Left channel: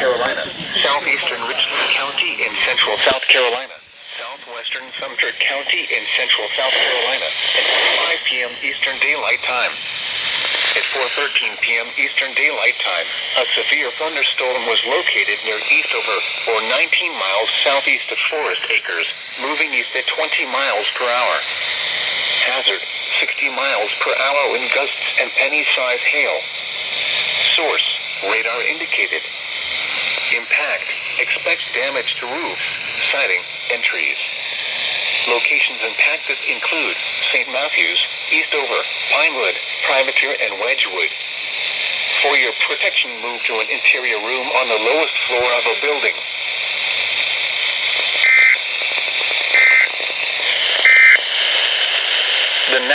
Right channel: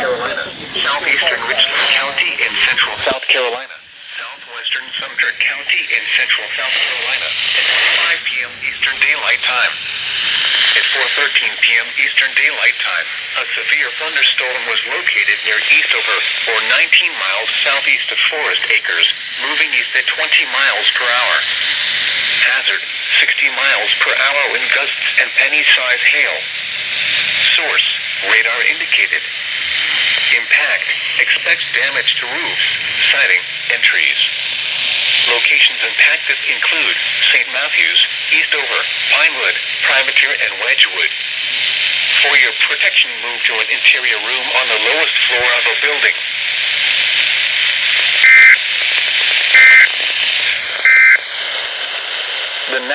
Carolina, southeastern Richland County in central South Carolina, southwestern Sumter County in central South Carolina, at 5 p.m. Eastern Daylight Time. At 4:13 p.m. Eastern Daylight Time, a severe thunderstorm was located near Eastover, or 19 miles southeast of Forest Acres, moving east at 20 miles per hour. Hazard, 60 miles per hour in gusts and penny-size hail. Source, radar indicated. Impact, expects damage to roofs, siding, and trees. Locations impacted include St. Matthews, Eastover, Pinewood, Privateer, and Wedgwood. For your protection, move to an interior room on the lowest floor of a building. The